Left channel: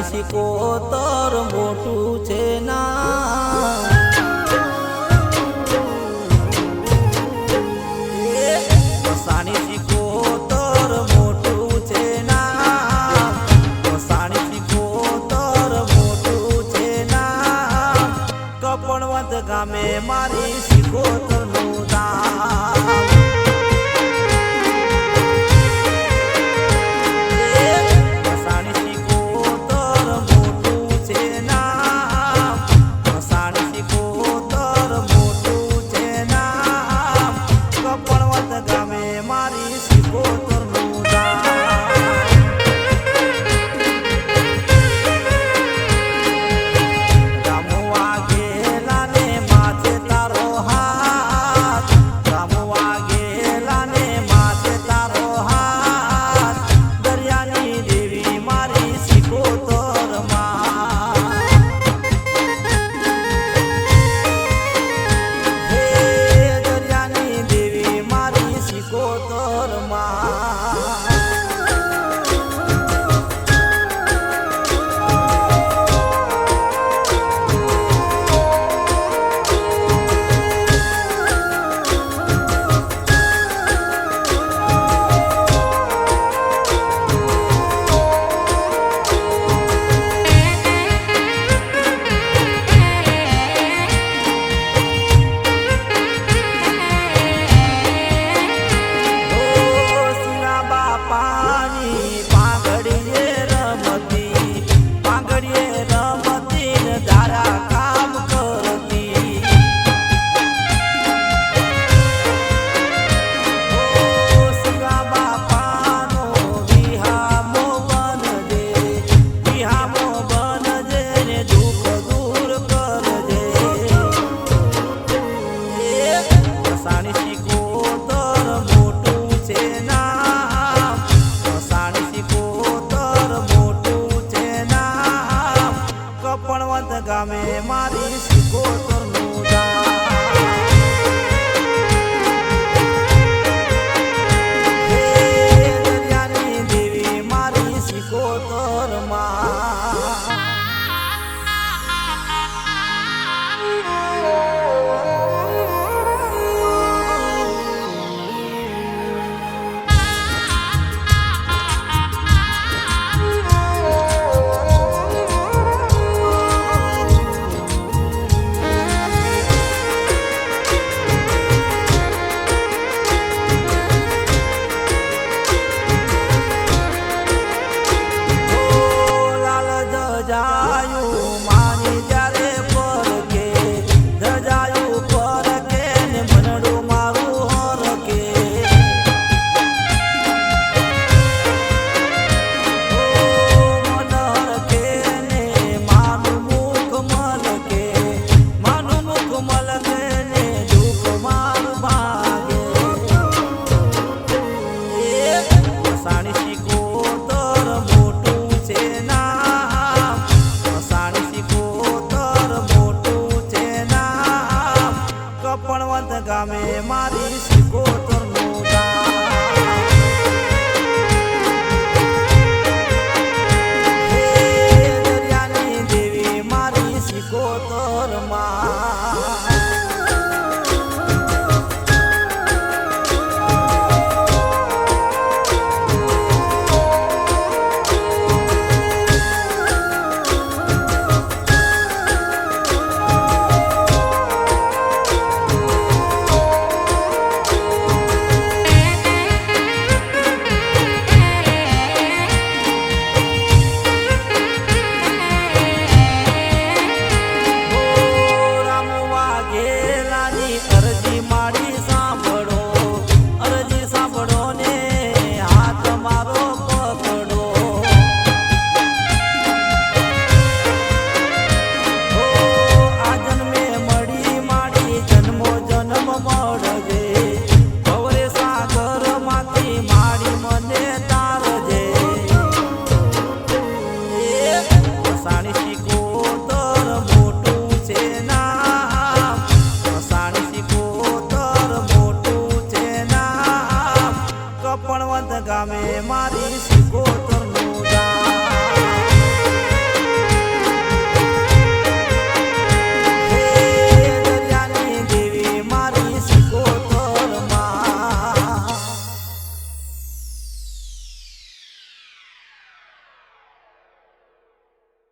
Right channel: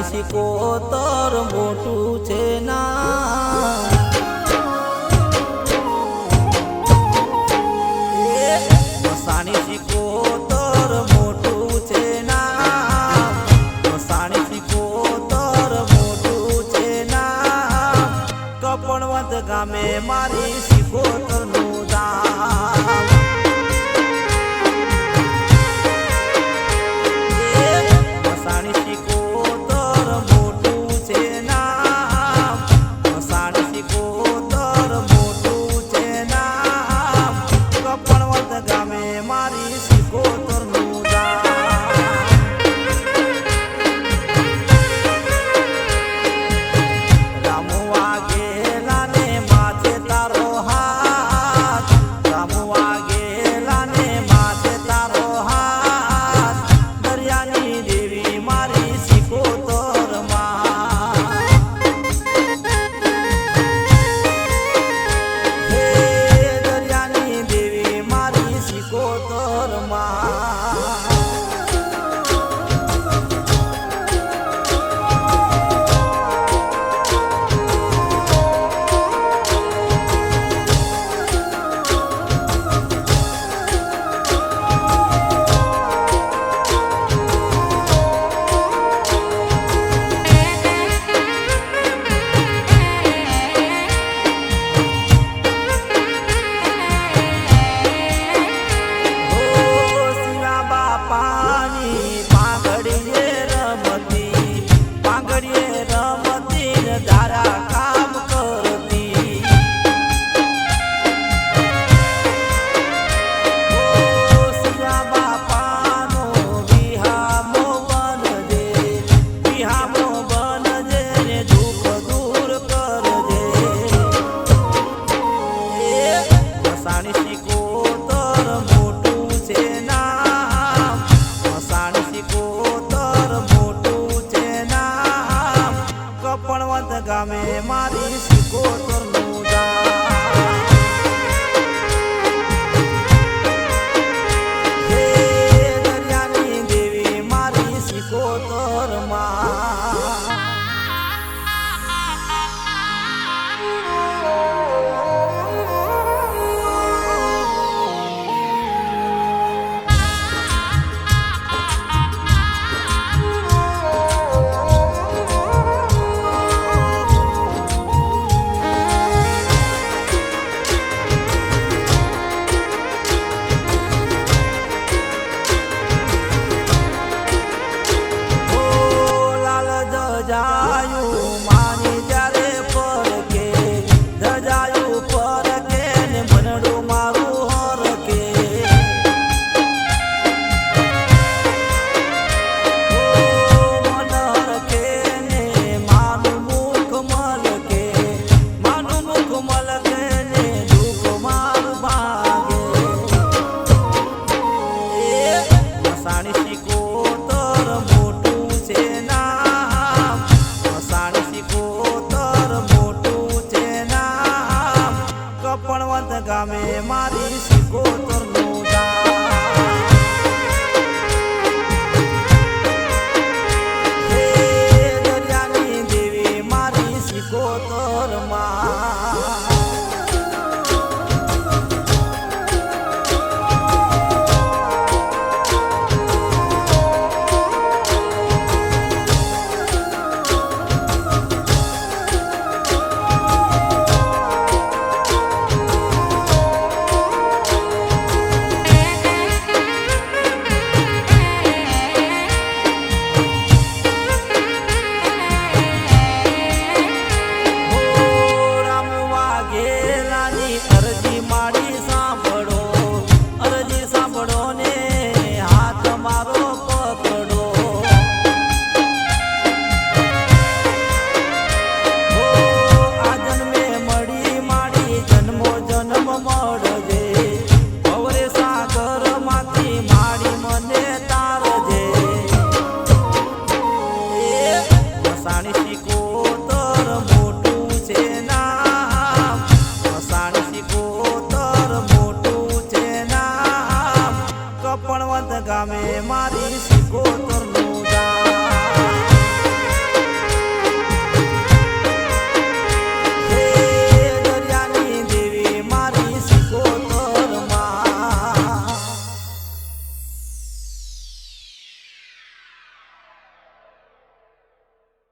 મસાણી સિકોતર મોટું છે ના મસાણી સિકોતર મોટું છે ના મસાણી સિકોતર મોટું છે ના કપણવંત ગામે મારી સિકોતર નું ધામ મસાણી સિકોતર મોટું છે ના મસાણી સિકોતર મોટું છે ના કપણવંત ગામે મારી સિકોતર નું રામુ વાઘેલા ને માથે તારો હાથ રામુ વાઘેલા ને માથે તારો હાથ દરિયાની દેવી મારી સિકોતર માં હે દરિયાની દેવી મારી સિકોતર માં મસાણી સિકોતર મોટું છે ના મસાણી સિકોતર મોટું છે ના કપણવંત ગામે મારી સિકોતર નું હે દરિયાની દેવી મારી સિકોતર માં ધજાયું માની જ્યારે પરકે ધજાયું પરકે ને મનડું મારું હરકે ઓ મન હરકે ને માનું મુખ મલકે માનું મુખ મલકે ને દુઃખ મારું ભાગે એ મસાણી સિકોતર મોટું છે ના મસાણી સિકોતર મોટું છે ના કપણવંત ગામે મારી સિકોતર નું હે દરિયાની દેવી મારી સિકોતર માં